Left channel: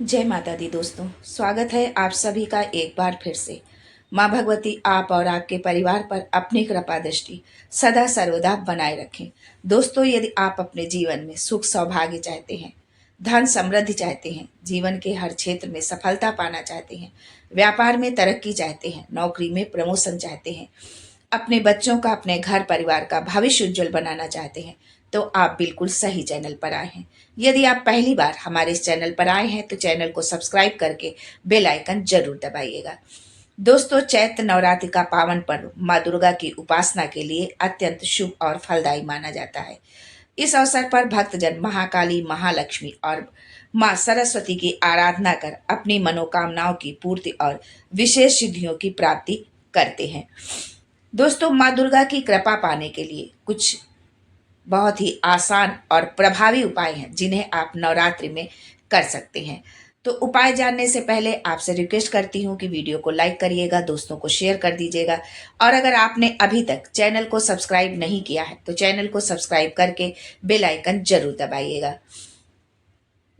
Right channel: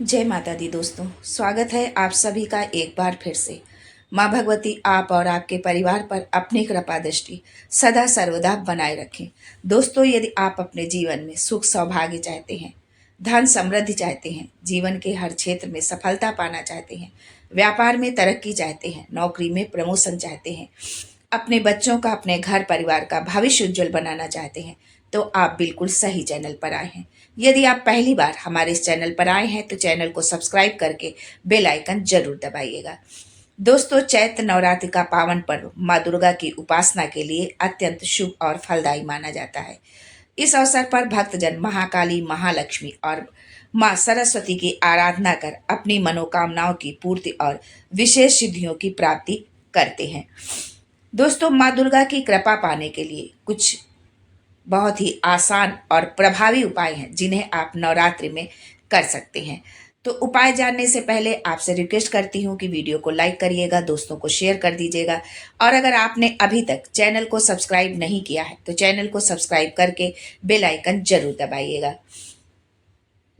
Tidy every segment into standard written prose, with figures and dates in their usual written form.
जय माता दी दोस्तों, स्वागत है आप सभी का एक बार फिर से। माँ भगवती आप और आपके परिवार पर अपनी कृपा दृष्टि सदा सर्वदा बनाए रखें। दोस्तों, यदि आप अपने जीवन में सुख सौभाग्य चाहते हैं, धन समृद्धि चाहते हैं, जीवन के हर क्षेत्र में सफलता पाना चाहते हैं, व्यापार में तरक्की चाहते हैं, नौकरी में प्रमोशन चाहते हैं, अपने बच्चों का, अपने घर परिवार का भविष्य उज्जवल बनाना चाहते हैं, तो आप बिल्कुल सही चैनल पर आए हैं। यदि आप पहली बार हमारे इस चैनल पर आए हैं तो चैनल को सब्सक्राइब करके बेल आइकन जरूर दबाइएगा। दोस्तों, चैत्र नवरात्रि का पावन पर्व माँ दुर्गा की उपासना के लिए अत्यंत शुभ और फलदायी माना जाता है। इस अवसर पर भक्तजन महाकाली, महालक्ष्मी और माँ सरस्वती की आराधना कर अपनी मनोकामनाओं की पूर्ति और विशेष सिद्धियों की प्राप्ति करते हैं। दोस्तों, माँ दुर्गा की कृपा पाने के लिए कुछ बहुत ही आसान और प्रभावी उपाय हैं जिन्हें आप नवरात्रि में कर सकते हैं। तो उपाय जानने से पहले आपसे रिक्वेस्ट करती हूँ कि वीडियो को लाइक करिएगा, दोस्तों को शेयर कर दीजिएगा, और अगर आपने अभी तक चैनल को सब्सक्राइब नहीं किया है तो चैनल को सब्सक्राइब करके बेल आइकन जरूर दबाइएगा।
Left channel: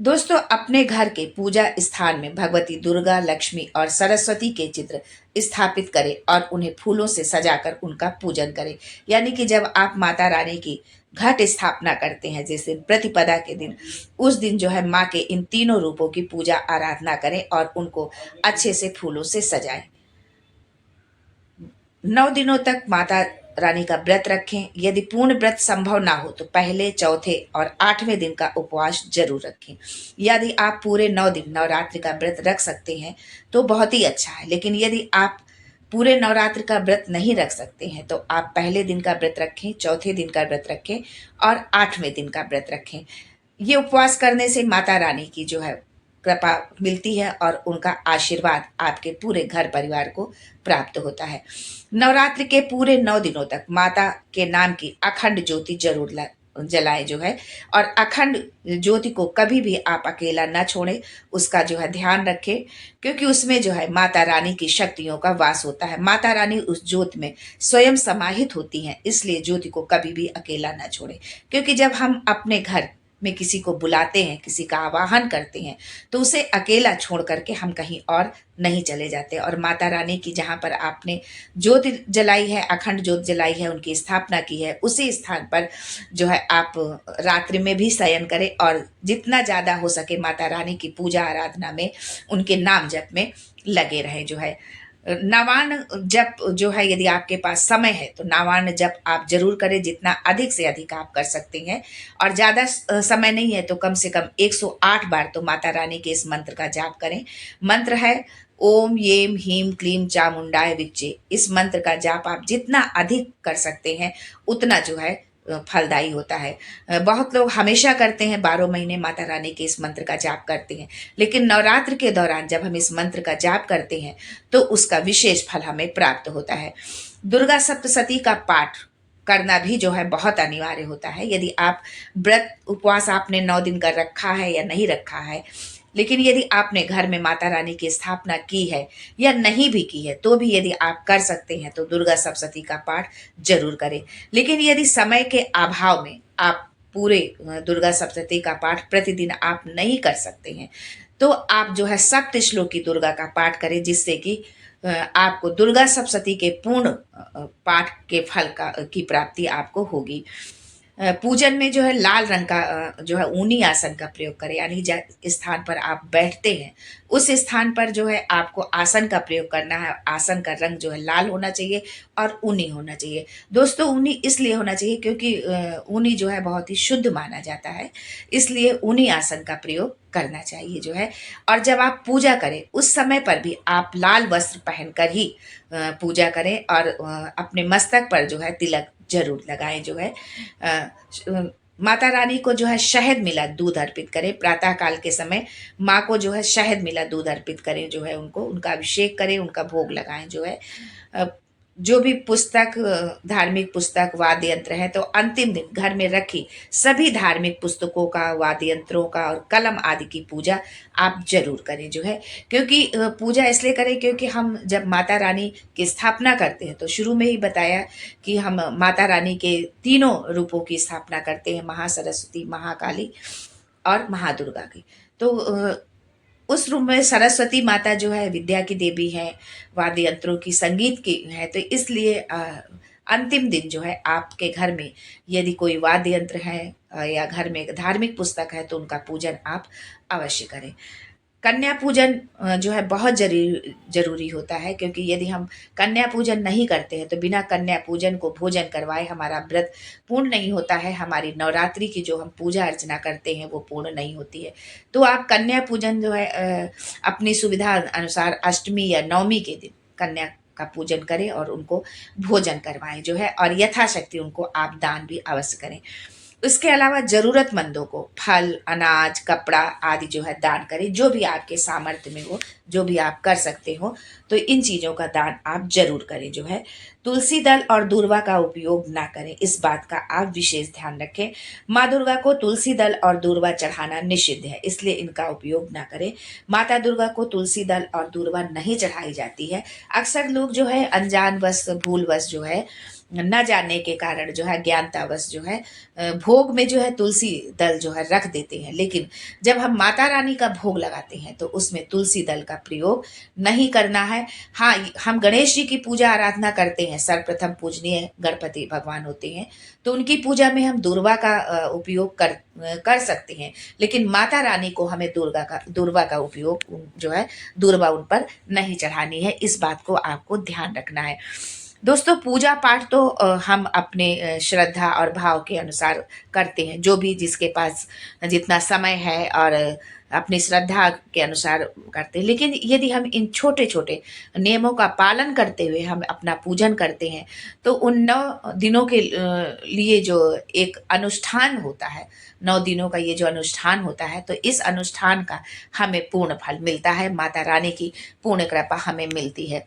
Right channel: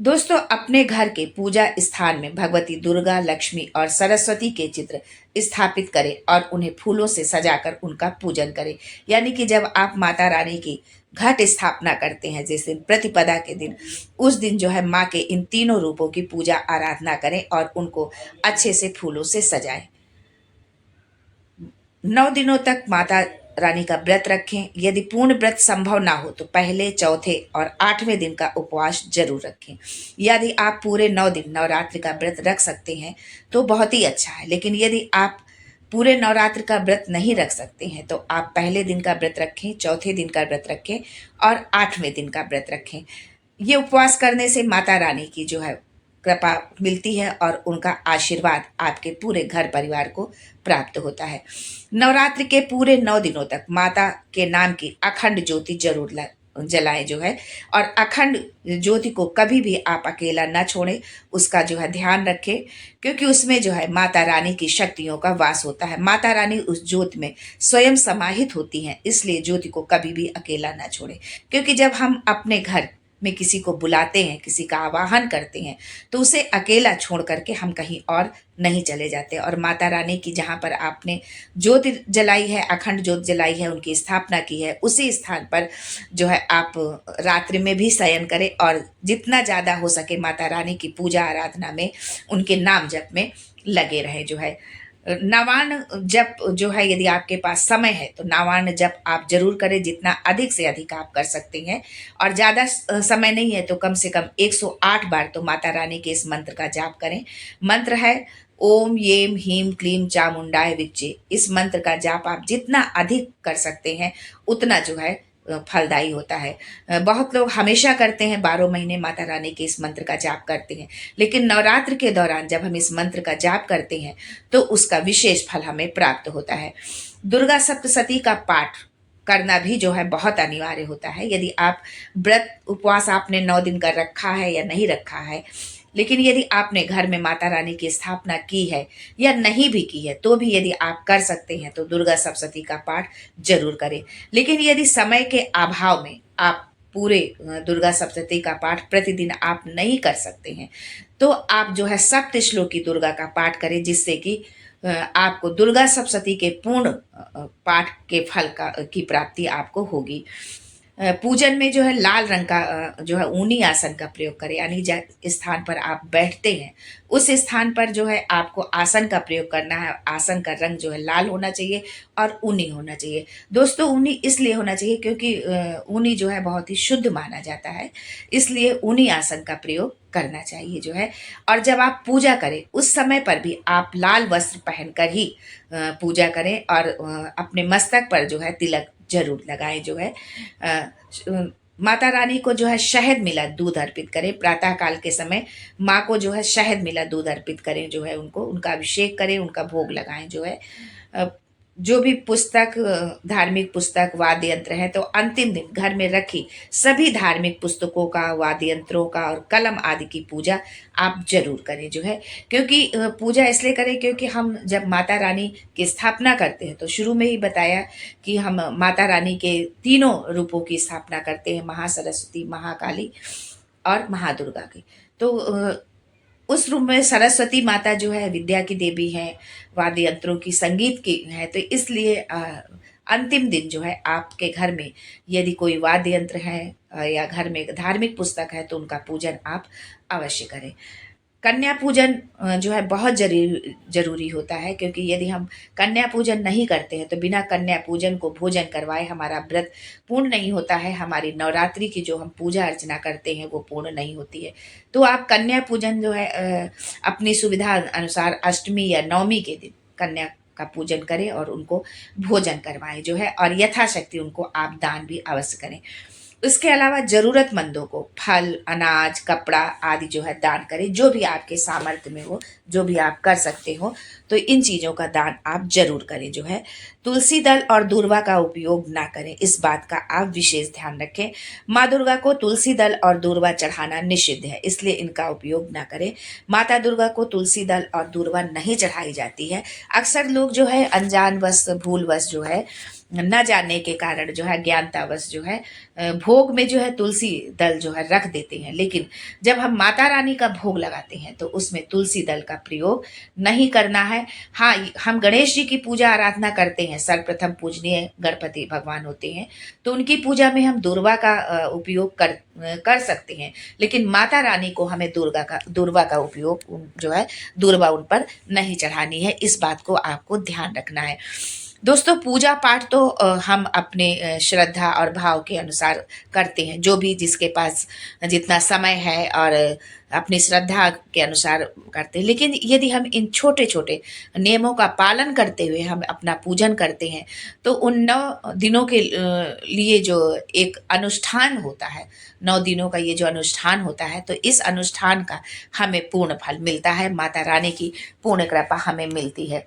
दोस्तों, अपने घर के पूजा स्थान में भगवती दुर्गा, लक्ष्मी और सरस्वती के चित्र स्थापित करें और उन्हें फूलों से सजाकर उनका पूजन करें। यानी कि जब आप माता रानी की घट स्थापना करते हैं, जैसे प्रतिपदा के दिन, उस दिन जो है माँ के इन तीनों रूपों की पूजा आराधना करें और उनको अच्छे से फूलों से सजाएं। 9 दिनों तक माता रानी का व्रत रखें। यदि पूर्ण व्रत संभव ना हो तो पहले, चौथे और 8वें दिन का उपवास जरूर रखें। यदि आप पूरे 9 दिन नवरात्रि का व्रत रख सकते हैं तो बहुत ही अच्छा है, लेकिन यदि आप पूरे नवरात्र का व्रत नहीं रख सकते हैं तो आप पहले दिन का व्रत रखें, चौथे दिन का व्रत रखें और 8वें दिन का व्रत रखें। ये उपवास करने से माता रानी की जो है कृपा मिलती है और उनका आशीर्वाद आपके पूरे घर परिवार को प्राप्त होता है। नवरात्रि के पूरे 9 दिनों तक माता के नाम की अखंड ज्योति जरूर जलाएं जो है, और अखंड ज्योति को कभी भी आप अकेला न छोड़ें, उसका जो है ध्यान रखें, क्योंकि उसमें जो है माता रानी की शक्तियों का वास होता है। माता रानी उस ज्योति में स्वयं समाहित होती हैं, इसलिए ज्योति को कभी भी अकेला न छोड़ें। क्योंकि जब हम अपने घर में किसी को बुलाते हैं, किसी का आवाहन करते हैं, तो उसे अकेला छोड़ करके हम कहीं और नहीं चले जाते। और माता रानी की जहाँ पर आपने ज्योति जलाई है, अखंड ज्योत जलाई है, उनकी स्थापना की है, उसी स्थान पर जो है आप रात्रि में भी शयन करें और जितना ज़्यादा हो सके माता रानी की पूजा आराधना में, उनके नाम जप में लगे रहे जो है। नावान जप जो है, यदि आपके पास समय है तो नावान जप आप जरूर करें, जितना अधिक से अधिक आप कर सकते हैं। और ज़्यादा समय नहीं है तो कम से कम 108 बार तो माता रानी के इस मंत्र का जाप करें। मंत्र है ओम येम हीम क्लीम चामुंडाय विच्चे। इस मंत्र का जाप आप जितना अधिक कर सकते हैं उतना जो है फलदायी होता है। बहुत लोग हमेशा करते हैं, 12 महीने माता रानी के इस मंत्र का जाप करते हैं, लेकिन नवरात्र के दौरान जब हम इस मंत्र का जाप करते हैं तो उसका विशेष फल हमें प्राप्त होता है। दुर्गा सप्तशती का पाठ करना भी जो है बहुत अनिवार्य होता है। यदि आप व्रत उपवास आपने 9 दिन का रखा है या नहीं रखा है, लेकिन यदि आपने घर में माता रानी की स्थापना की है या नहीं भी की है, तो भी यदि आप कर सकते हैं तो दुर्गा सप्तशती का पाठ जरूर करें। लेकिन यदि समय के अभाव में आप पूरे दुर्गा सप्तशती का पाठ प्रतिदिन आप नहीं कर सकते हैं, तो आप जो है सप्त श्लोकी दुर्गा का पाठ करें, जिससे कि आपको दुर्गा सप्तशती के पूर्ण पाठ के फल का की प्राप्ति आपको होगी। पूजन में जो है लाल रंग का जो है ऊनी आसन का प्रयोग करें, यानी जिस स्थान पर आप बैठते हैं उस स्थान पर जो है आपको आसन का प्रयोग करना है। आसन का रंग जो है लाल होना चाहिए और ऊनी होना चाहिए। दोस्तों, ऊनी इसलिए होना चाहिए क्योंकि ऊनी जो है बहुत ही शुद्ध माना जाता है, इसलिए ऊनी आसन का प्रयोग करना चाहिए जो है। और जब आप पूजा करें उस समय पर भी आप लाल वस्त्र पहनकर ही पूजा करें और अपने मस्तक पर जो है तिलक जरूर लगाएं जो है। माता रानी को जो है शहद मिला दूध अर्पित करें। प्रातः काल के समय माँ को जो है शहद मिला दूध अर्पित करें जो है, उनको उनका अभिषेक करें, उनका भोग लगाएं जो है। जो भी पुस्तक, धार्मिक पुस्तक, वाद्य यंत्र है, तो अंतिम दिन घर में रखी सभी धार्मिक पुस्तकों का, वाद्य यंत्रों का और कलम आदि की पूजा आप जरूर करें जो है। क्योंकि पूजा इसलिए करें क्योंकि हम जब माता रानी की स्थापना करते हैं तो शुरू में ही बताया कि हम माता रानी के तीनों रूपों की स्थापना करते हैं, महासरस्वती, महाकाली और महादुर्गा की। तो उस रूम में सरस्वती माता जो है विद्या की देवी है, वाद्य यंत्रों की, संगीत की है। तो इसलिए अंतिम दिन जो है आपके घर में यदि कोई वाद्य यंत्र है या घर में धार्मिक पुस्तक है तो उनका पूजन आप अवश्य करें। कन्या पूजन जो है बहुत जरूरी होता है, क्योंकि यदि हम कन्या पूजन नहीं करते हैं तो बिना कन्या पूजन को भोजन करवाए हमारा व्रत पूर्ण नहीं होता है। हमारी नवरात्रि की जो हम पूजा अर्चना करते हैं वो पूर्ण नहीं होती है। तो आप कन्या पूजन जो है अपनी सुविधा अनुसार अष्टमी या नवमी के दिन कन्या का पूजन करें और उनको भोजन करवाएं जो है, और यथाशक्ति उनको आप दान भी अवश्य करें। उसके अलावा जरूरतमंदों को फल, अनाज, कपड़ा आदि जो है दान करें, जो भी आपके सामर्थ्य में हो, जो भी आप कर सकते हो। तो इन चीज़ों का दान आप जरूर करें जो है। तुलसी दल और दूर्वा का उपयोग ना करें, इस बात का आप विशेष ध्यान रखें। माँ दुर्गा को तुलसी दल और दूर्वा चढ़ाना निषिद्ध है, इसलिए इनका उपयोग ना करें। माता दुर्गा को तुलसी दल और दूर्वा नहीं चढ़ाई जाती है। अक्सर लोग जो है अनजानवश, भूलवश जो है, न जानने के कारण जो है, ज्ञानतावश जो है भोग में जो है तुलसी दल जो है रख देते हैं। लेकिन जब हम माता रानी का भोग लगाते हैं तो उसमें तुलसी दल का प्रयोग नहीं करना है। हाँ, हम गणेश जी की पूजा आराधना करते हैं, सर्वप्रथम पूजनीय गणपति भगवान होते हैं, तो उनकी पूजा में हम दूर्वा का उपयोग कर सकते हैं। लेकिन माता रानी को हमें दूर्वा का उपयोग जो है, दूर्वा उन पर नहीं चढ़ानी है। इस बात को आपको ध्यान रखना है। दोस्तों, पूजा पाठ तो हम अपने श्रद्धा और भाव के अनुसार करते हैं, जो भी जिसके पास जितना समय है और अपनी श्रद्धा के अनुसार करते हैं। लेकिन यदि हम इन छोटे छोटे नियमों का पालन करते हुए हम अपना पूजन करते हैं तो उन 9 दिनों के लिए जो एक अनुष्ठान होता है, 9 दिनों का ये जो अनुष्ठान होता है, तो इस अनुष्ठान का हमें पूर्ण फल मिलता है। माता रानी की पूर्ण कृपा हमें मिलती है।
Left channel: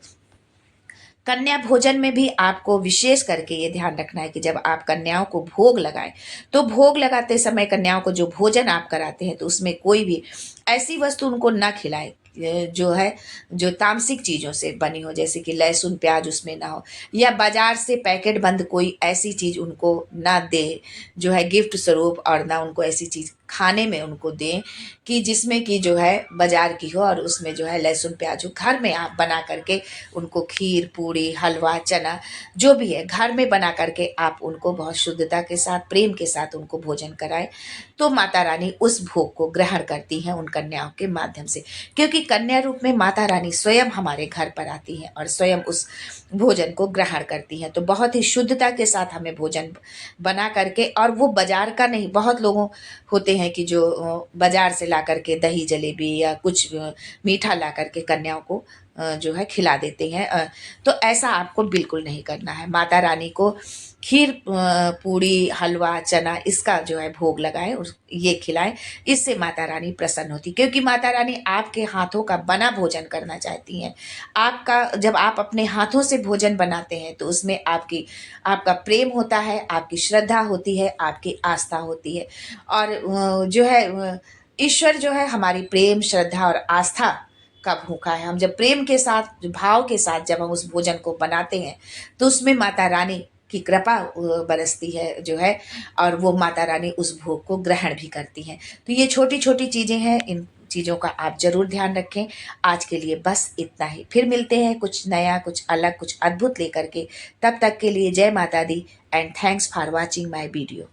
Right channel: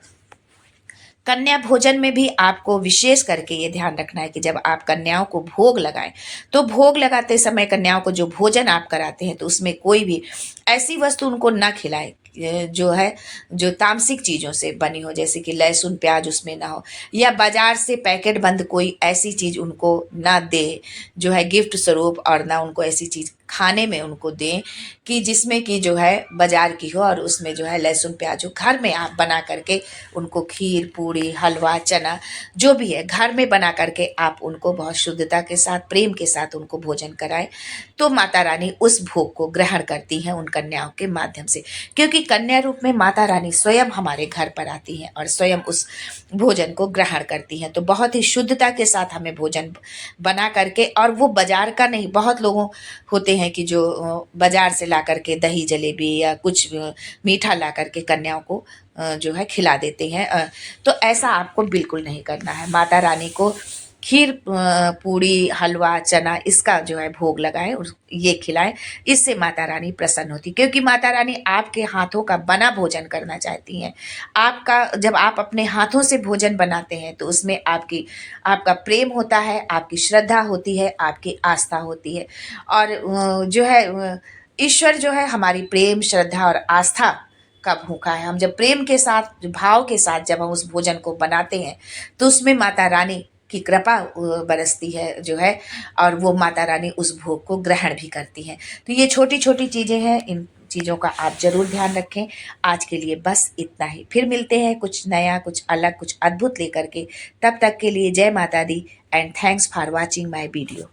कन्या भोजन में भी आपको विशेष करके ये ध्यान रखना है कि जब आप कन्याओं को भोग लगाएं तो भोग लगाते समय कन्याओं को जो भोजन आप कराते हैं तो उसमें कोई भी ऐसी वस्तु उनको ना खिलाएं जो है, जो तामसिक चीज़ों से बनी हो, जैसे कि लहसुन प्याज उसमें ना हो, या बाजार से पैकेट बंद कोई ऐसी चीज़ उनको ना दे जो है गिफ्ट स्वरूप, और ना उनको ऐसी चीज़ खाने में उनको दें कि जिसमें कि जो है बाजार की हो और उसमें जो है लहसुन प्याज हो। घर में आप बना करके उनको खीर, पूड़ी, हलवा, चना जो भी है घर में बना करके आप उनको बहुत शुद्धता के साथ, प्रेम के साथ उनको भोजन कराएं, तो माता रानी उस भोग को ग्रहण करती हैं उन कन्याओं के माध्यम से। क्योंकि कन्या रूप में माता रानी स्वयं हमारे घर पर आती हैं और स्वयं उस भोजन को ग्रहण करती हैं। तो बहुत ही शुद्धता के साथ हमें भोजन बना करके, और वो बाजार का नहीं, बहुत लोगों होते हैं कि जो बाजार से ला करके दही जलेबी या कुछ मीठा ला करके कन्याओं को जो है खिला देते हैं। तो ऐसा आपको बिल्कुल नहीं करना है। माता रानी को खीर, पूड़ी, हलवा, चना इसका जो है भोग लगाएं और ये खिलाएं। इससे माता रानी प्रसन्न होती, क्योंकि माता रानी आपके हाथों का बना भोजन करना चाहती हैं। आपका जब आप अपने हाथों से भोजन बनाते हैं तो उसमें आपका प्रेम होता है, आपकी श्रद्धा होती है, आपकी आस्था होती है। और जो है ईश्वर जो है हमारी प्रेम, श्रद्धा और आस्था का भूखा है। हम जब प्रेम के साथ, भाव के साथ जब हम उस भोजन को बनाते हैं तो उसमें माता रानी की कृपा बरसती है जो है, और वो माता रानी उस भोग को ग्रहण भी करती हैं। तो ये छोटी छोटी चीज़ें हैं, इन चीज़ों का आप जरूर ध्यान रखें। आज के लिए बस इतना ही, फिर मिलते हैं कुछ नया, कुछ अलग, कुछ अद्भुत लेकर के। तब तक के लिए जय माता दी and thanks for watching my video.